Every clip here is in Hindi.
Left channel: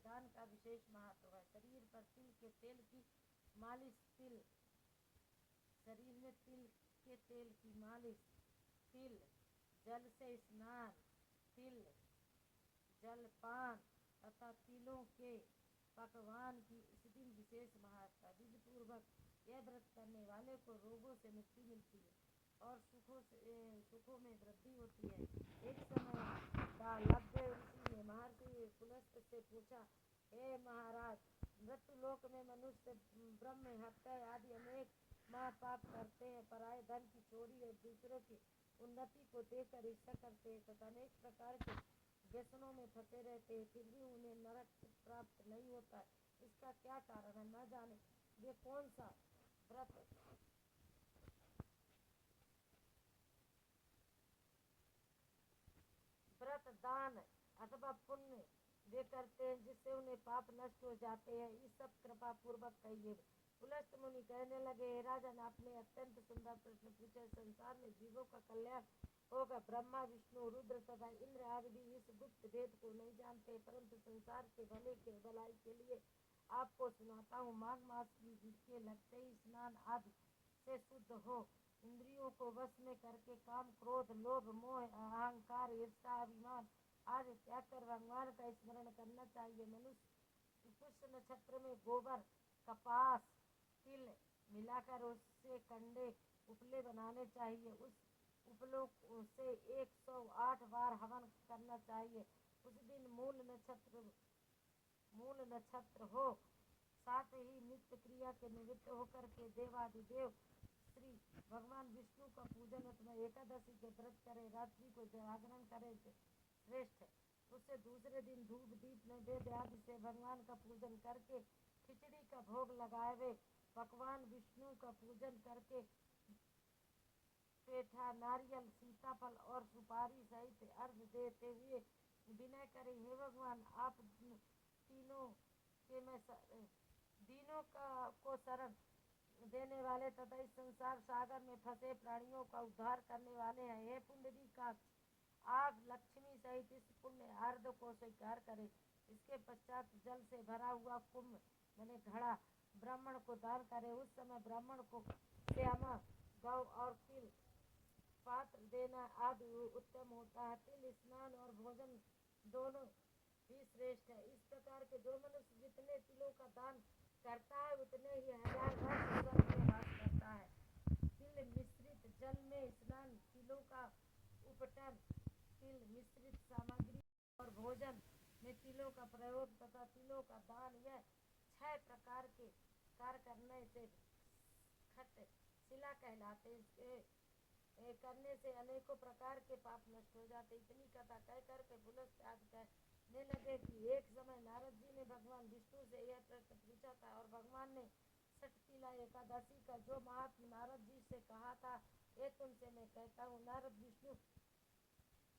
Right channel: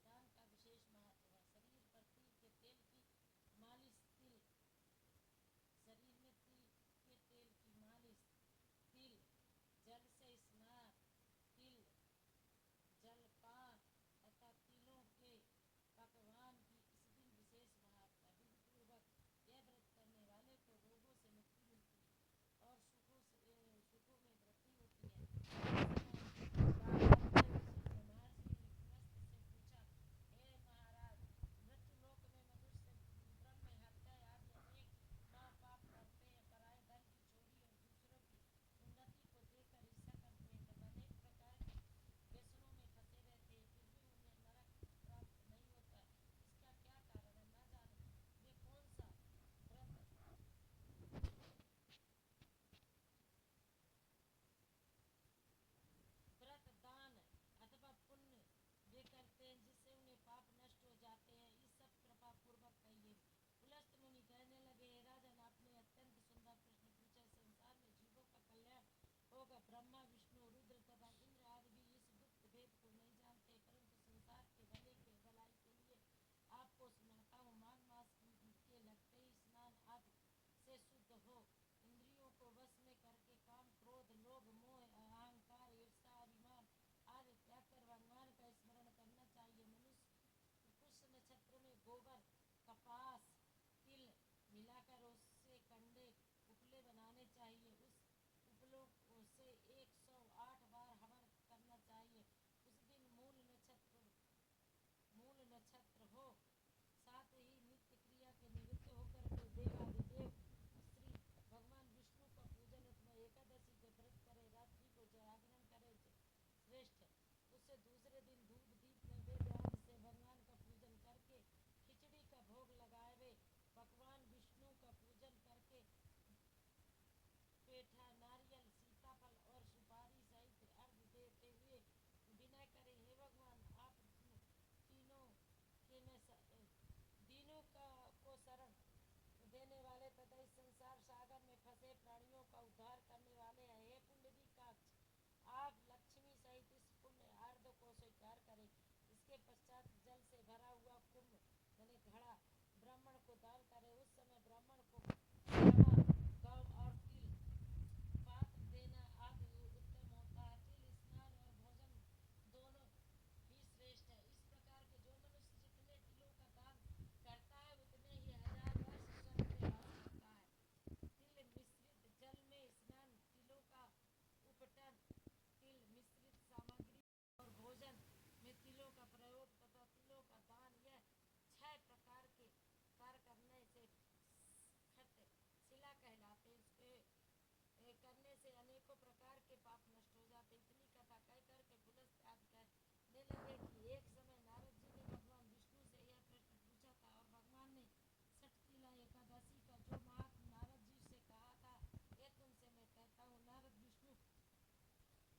दान का विशेष महत्व है। शरीर पर तिल के तेल की मालिश, शरीर में तिल के तेल की मालिश, तिल जल से स्नान, तिल जलपान तथा तिलों के पकवान की इस दिन विशेष महत्व है। विधि पूर्वक यह व्रत करने वाले को रोगों से मुक्ति मिलती है और सुखों में वृद्धि होती है। महर्षि पुलस्त से पूछा, हे महाराज, मृत्युलोक में मनुष्य ब्रह्म हत्या आदि अनेक महापाप करते हैं, पराये धन की चोरी और दूसरों की उन्नति को देखकर ईर्ष्या करते हैं तथा अनेक प्रकार के व्यसनों में फंसे रहते हैं, फिर भी उन्हें नरक प्राप्त नहीं होता है। इसका क्या कारण है? न जाने वे कौन सा व्रत दान अथवा पुण्य वे करते हैं जिससे उन्हें पाप नष्ट हो जाते हैं। इस सब कृपा पूर्वक कहिए। पुलस्त मुनि कहने लगे, हे राजन, आपने अत्यंत सुंदर प्रश्न पूछे। संसार में जीवों का कल्याण होगा। ब्रह्मा, विष्णु, रुद्र तथा इंद्र आदि भी इस गुप्त भेद को नहीं जानते, परंतु संसार के भलाई के लिए आपको सुनाता हूँ। माघ मास के लगते ही स्नान आदि से शुद्ध हो, इंद्रियों को वश में करके काम, क्रोध, लोभ, मोह, अहंकार, ईर्ष्या, अभिमान आदि त्याग कर भगवान का स्मरण करना चाहिए। मनुष्य पुष्य नक्षत्र में गोबर, कपास, तिल मिलाकर उससे कंडे उपले बनाने चाहिए। उस उपलों से 108 बार हवन करना चाहिए। उस दिन मूल नक्षत्र हो, साथ ही नित्य क्रिया के निमित्त होकर के देवादिदेव श्री भगवान विष्णु का पूजन अथवा एकादशी के व्रत करे, रात्रि को जागरण करे श्रेष्ठ है। उससे दूसरे दिन धूप दीप में वेद आदि से भगवान का पूजन करके खिचड़ी का भोग लगावे। भगवान विष्णु का पूजन करके पेठा, नारियल, सीताफल और सुपारी सहित अर्घ देते हुए विनय करे, हे भगवान, आप दीनों को शरण देने वाले तथा इस संसार सागर में फंसे प्राणियों का उद्धार करने वाले हैं। हे पुंडरीकाक्ष, आप लक्ष्मी सहित इस पुण्य अर्घ को स्वीकार करें। इसके पश्चात जल से भरा हुआ कुंभ मैंने घड़ा ब्राह्मण को दान करे। उस समय ब्राह्मण को श्यामा, गौ और तिल पात्र देना आदि उत्तम होता है। तिल स्नान और भोजन दोनों ही श्रेष्ठ है। इस प्रकार के जो मनुष्य जितने तिलों का दान करता है उतने ही 1000 वर्ष स्वर्ग में वास करता है। तिल मिश्रित जल में स्नान, तिलों का उपटन, तिल मिश्रित सामग्री और भोजन में तिलों का प्रयोग तथा तिलों का दान, यह 6 प्रकार के कार्य करने से खट शिला कहलाते। इसके करने से अनेकों प्रकार के पाप नष्ट हो जाते। इतनी कथा कह करके पुलस्त आज कहने लगे कि एक समय नारद जी ने भगवान विष्णु से यह प्रश्न पूछा था और भगवान ने षटतिला एकादशी का जो महात्म नारद जी से कहा था, ये तुमसे मैं कहता हूँ।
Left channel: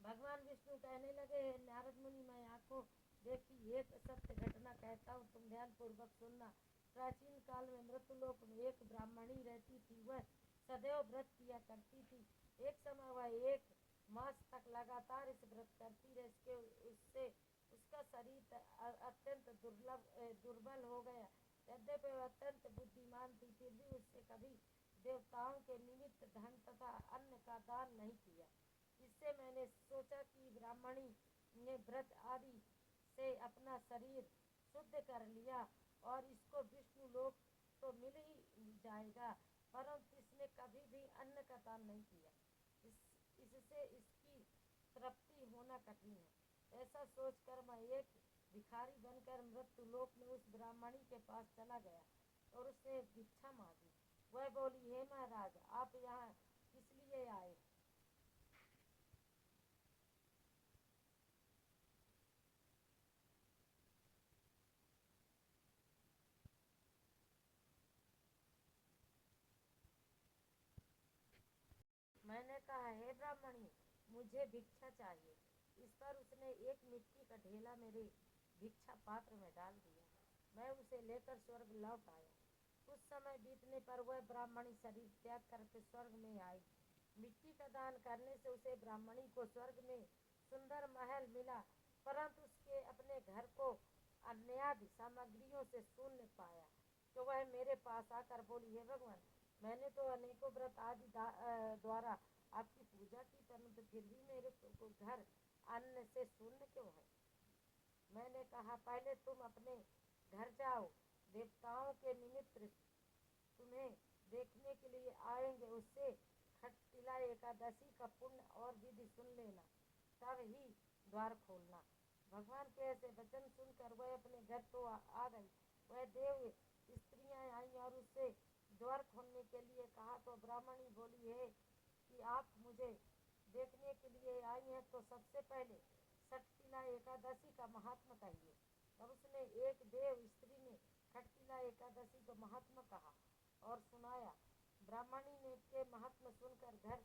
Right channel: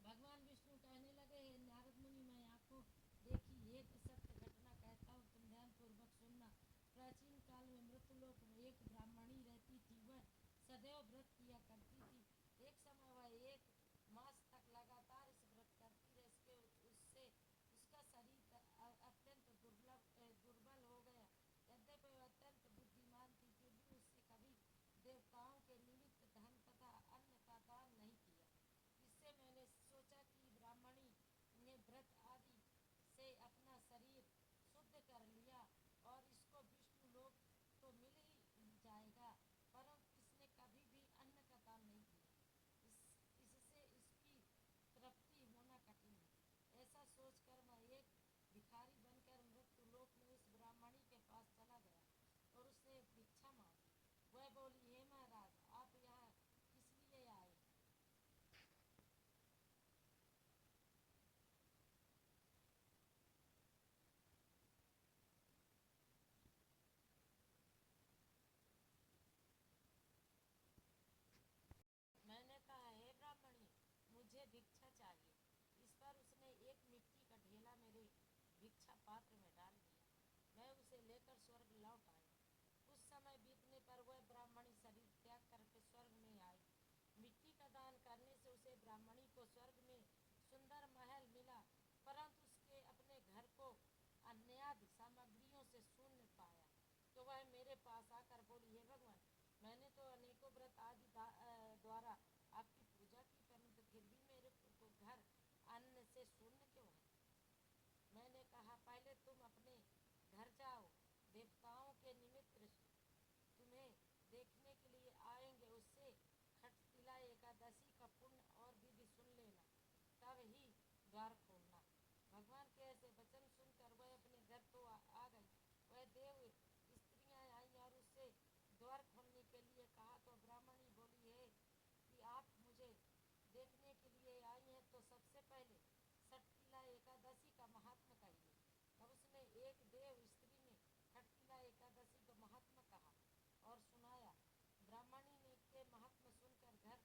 भगवान विष्णु कहने लगे, हे नारद मुनि, मैं आंखों देखी एक सत्य घटना कहता हूँ, तुम ध्यान पूर्वक सुनना। प्राचीन काल में मृत्युलोक में एक ब्राह्मणी रहती थी। वह सदैव व्रत किया करती थी। एक समय वह 1 मास तक लगातार इस व्रत करती रही। उससे उसका शरीर अत्यंत दुर्बल हो गया। यद्यपि वह अत्यंत बुद्धिमान थी, फिर भी उससे कभी देवताओं के निमित्त धन तथा अन्न का दान नहीं किया। इससे मैंने सोचा कि ब्राह्मणी ने व्रत आदि से अपना शरीर शुद्ध कर लिया और इसको विष्णु लोक तो मिल ही जाएगा, परंतु इसने कभी भी अन्न का दान नहीं किया। इससे इसकी तृप्ति होना कठिन है। ऐसा सोचकर मैं एक भिखारी बनकर मृत्यु लोक में उस ब्राह्मणी के पास चला गया और उससे भिक्षा मांगी। वह बोली, हे महाराज, आप यहाँ किस लिए आए? मैंने कहा, हे ब्राह्मणी, मुझे भिक्षा चाहिए। इस पर उसने एक मिट्टी का ढेला मेरे भिक्षा पात्र में डाल दिया। मैं उसे लेकर स्वर्ग लौट आया। कुछ समय बीतने पर वह ब्राह्मणी शरीर त्याग करके स्वर्ग में आई। मिट्टी का दान करने से उसे ब्राह्मणी को स्वर्ग में सुंदर महल मिला, परंतु उसके अपने घर को अन्यादि सामग्रियों से शून्य पाया, तो वह मेरे पास आकर बोली, हे भगवान, मैंने तो अनेकों व्रत आदि द्वारा आपकी पूजा की, परंतु फिर भी मेरे को घर अन्न से शून्य क्यों है। मैंने कहा, पहले तुम अपने घर जाओ, देवताओं के निमित्त तुम्हें देखने के लिए आएंगे, उससे खटतिला एकादशी का पुण्य और विधि सुन लेना, तब ही द्वार खोलना। भगवान के ऐसे वचन सुनकर वह अपने घर तो आ गई। वह देव स्त्रियां आई और उससे द्वार खोलने के लिए कहा, तो ब्राह्मणी बोली है कि आप मुझे देखने के लिए आई हैं, तो सबसे पहले खटतिला एकादशी का महात्मा कहिए। तब उसने एक देव स्त्री ने खटतिला एकादशी का महात्मा कहा और सुनाया। ब्राह्मणी ने के महात्मा सुनकर घर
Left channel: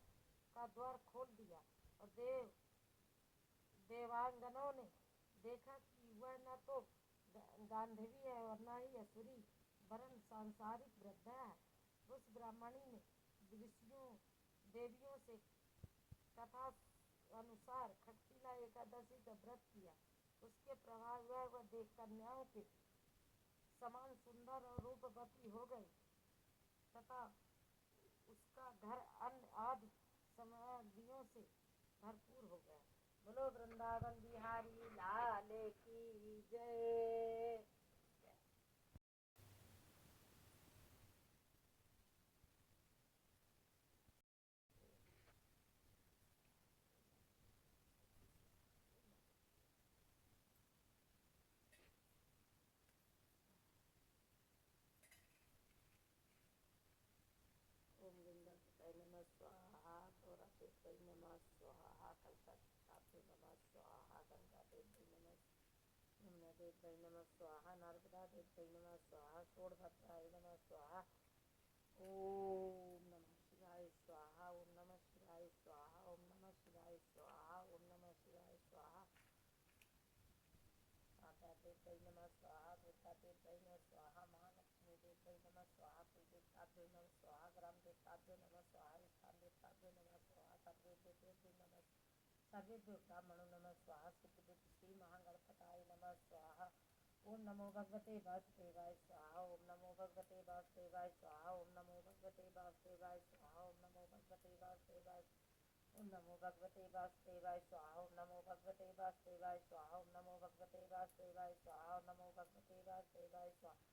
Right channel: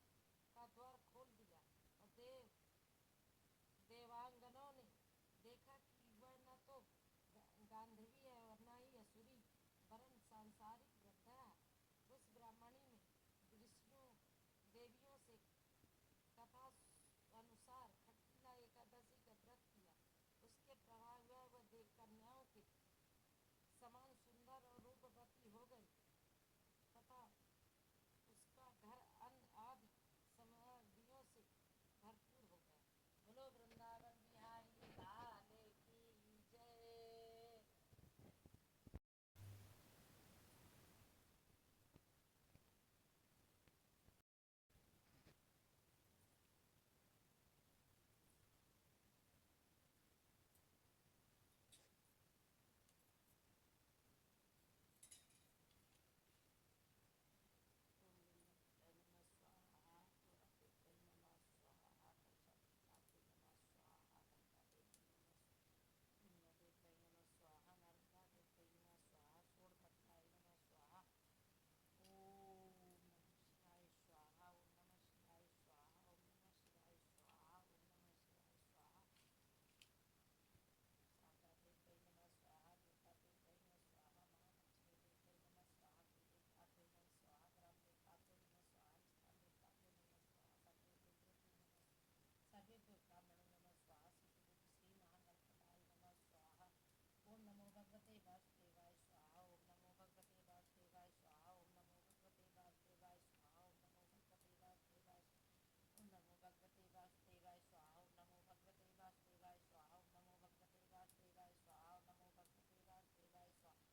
का द्वार खोल दिया, और देवांगनों ने देखा कि वह न तो गांधवी है और न ही असुरी, वरन सांसारिक वृद्धा है। उस ब्राह्मणी ने ऋषियों देवियों से कथा अनुसार खटतिला एकादशी का व्रत किया। उसके प्रभाव वह देख कन्याओं के समान सुंदर और रूपवती हो गई, तथा उसका घर अन्न आदि सामग्रियों से भरपूर हो गया। बोलो वृंदावन बिहारी लाल की जय। ओम गंगणपतये नमः स्वाहा, गौरातीर्थये नमः स्वाहा, कलशस्थापते नमः स्वाहा, गंगादेव्यै नमः, यमुनादेव्यै नमः स्वाहा, नर्मदादेव्यै नमः स्वाहा, शोणभद्राय नमः स्वाहा। ओम नमः शिवाय स्वाहा, ओम नमः शिवाय स्वाहा, ओम नमः शिवाय स्वाहा, ओम नमः शिवाय स्वाहा। शांतादेव्यै नमः स्वाहा, दुर्गादेव्यै नमः स्वाहा, महालक्ष्मी देव्यै नमः स्वाहा, कुलदेवताभ्यो नमः स्वाहा, ग्राम देवताभ्यो नमः स्वाहा, स्थान देवताभ्यो नमः स्वाहा, सर्वेभ्यो ब्राह्मणो नमः स्वाहा, सिद्धिबुद्धि श्री महागणपताय नमः स्वाहा। ओम नमो भगवते वासुदेवाय स्वाहा, ओम नमो भगवते वासुदेवाय स्वाहा, ओम नमो भगवते वासुदेवाय स्वाहा, ओम नमो भगवते वासुदेवाय, ओम नमो भगवते वासुदेवाय स्वाहा, ओम नमो भगवते वासुदेवाय स्वाहा, ओम नमो भगवते वासुदेवाय स्वाहा, ओम नमो भगवते वासुदेवाय स्वाहा,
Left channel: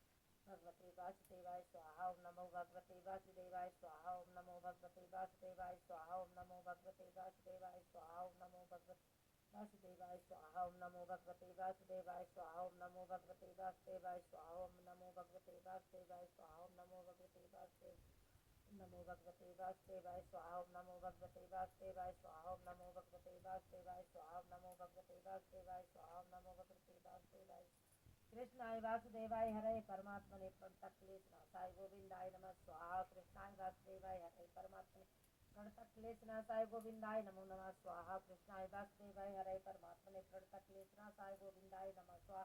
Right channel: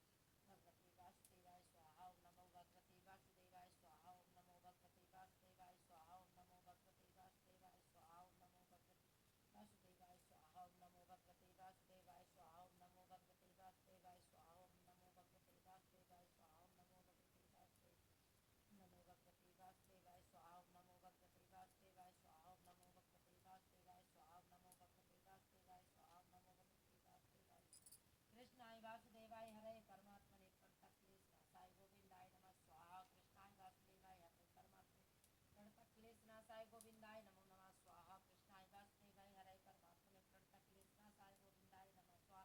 भगवते वासुदेवाय स्वाहा, ओम नमो भगवते वासुदेवाय स्वाहा, ओम नमो भगवते वासुदेवाय स्वाहा, ओम नमो भगवते वासुदेवाय स्वाहा, ओम नमो भगवते वासुदेवाय स्वाहा, ओम नमो भगवते वासुदेवाय स्वाहा, ओम नमो भगवते वासुदेवाय स्वाहा, ओम नमो भगवते वासुदेवाय स्वाहा, ओम नमो भगवते वासुदेव, नमो भगवते वासुदेवाय स्वाहा, ओम नमो भगवते वासुदेवाय स्वाहा, ओम नमो भगवते वासुदेवाय स्वाहा, ओम नमो भगवते वासुदेवाय स्वाहा, ओम नमो भगवते वासुदेवाय, कृष्णाय वासुदेवाय हरे परमात्मने प्रणतक्लेशनाशाय गोविंदाय नमः स्वाहा, कृष्णाय वासुदेवाय हरे परमात्मने प्रणतक्लेशनाशाय गोविंदाय नमो नमः स्वाहा, कृष्णाय वासुदेवाय हरे परमात्मने प्रणतक्लेशनाशाय गोविंदाय नमः स्वाहा।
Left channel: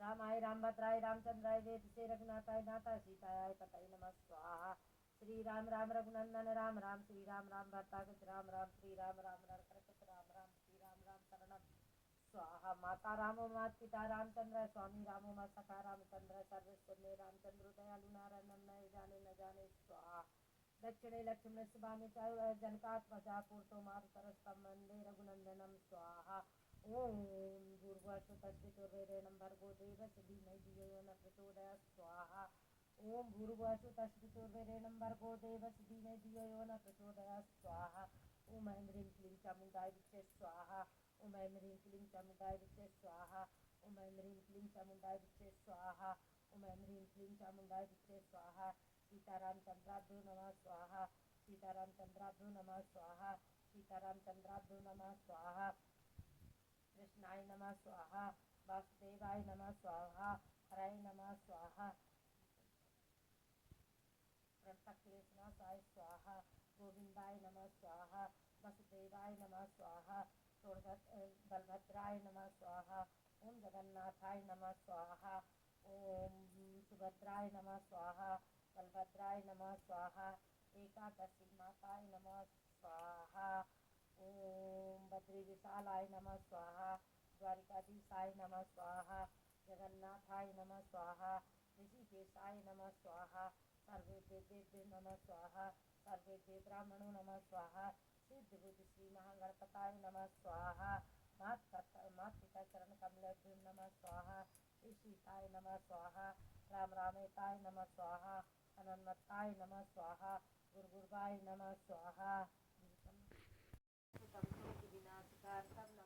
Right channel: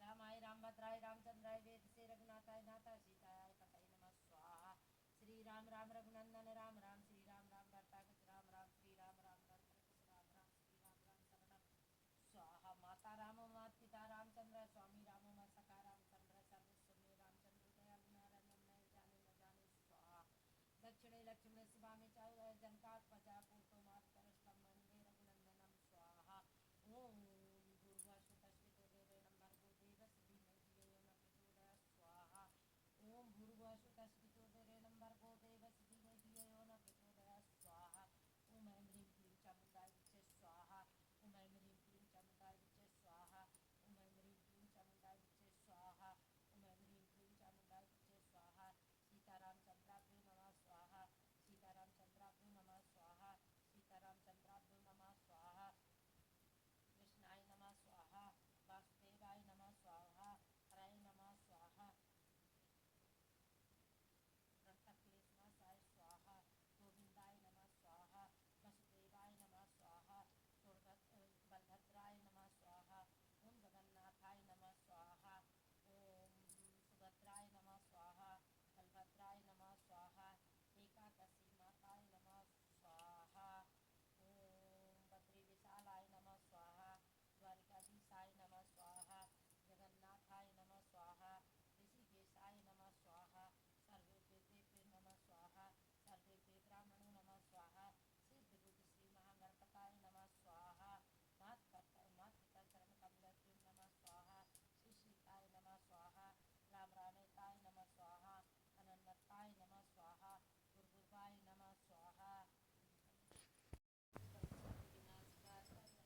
रामाय रामभद्राय रामचंद्राय वेदसे रघुनाथाय नाथाय सीताय पतये नमः स्वाहा। श्री राम राम रघुनंदन राम राम, श्री राम राम भट्टागत राम राम, श्री राम राम नरकटक राम राम, श्री राम राम शरणम स्वाहा। माता रामो मात पिता रामचंद्र, स्वामी रामो मात सखा रामचंद्र, सर्वस्व में रामचंद्र दयालु नारायण नय जाने न जाने स्वाहा। दक्षिणे लक्ष्मण शिवामी चारु जनकात्मजा पूर्तो मारु तरस्तम वंदे रघुनंदनम स्वाहा। ओम भूर्भुवस्सुतस्वितुर्वरेण्यं भर्गो देवस्य धीमहि धियो यो न प्रचोदयात् स्वाहा। ओम भूर्भुवस्सुतस्वितुर्वरेण्यं भर्गो देवस्य धीमहि धियो यो न प्रचोदयात् स्वाहा। ओम ऐं ह्रीं क्लीं चामुण्डाय विद्महे स्वाहा, ओम ऐं ह्रीं क्लीं चामुण्डाय विद्महे स्वाहा, ओम ऐं ह्रीं क्लीं चामुण्डाय विद्महे स्वाहा, ओम ऐं ह्रीं क्लीं चामुण्डाय विद्महे स्वाहा। सीतारामचंद्राभ्यो नमः स्वाहा, सीतारामचंद्राभ्यो नमः स्वाहा, सीतारामचंद्राभ्यो नमः स्वाहा। कृष्णाय नमः स्वाहा, वासुदेवाय नमः स्वाहा, हराय नमः स्वाहा, प्रणतक्लेशनाशाय स्वाहा, गोविंदाय नमः स्वाहा, वसुदेवाय नमः स्वाहा, बलभद्राय नमः स्वाहा, ओम जगन्नाथाय नमः स्वाहा, ओम सुभद्राय नमः स्वाहा, बलभद्राय नमः स्वाहा, एकादशी माताय नमः स्वाहा, ओम बद्री विशालाय नमः स्वाहा, द्वारिकाधीशाय नमः स्वाहा, जगन्नाथाय नमः स्वाहा, ऋषिकेशाय नमः स्वाहा, सर्वेभ्यो नमः स्वाहा, सर्वेभ्यो ब्राह्मणो नमः स्वाहा, सिद्ध बुद्ध श्री महागणपताय नमः स्वाहा, मातृका चरण कमलेभ्यो नमः स्वाहा, श्री सीताय नमः स्वाहा, राम रामेताय नमः स्वाहा, अनन्मत्ताय नमः स्वाहा, गुरुगुरुवाय नमः स्वाहा। विनाशकार्थम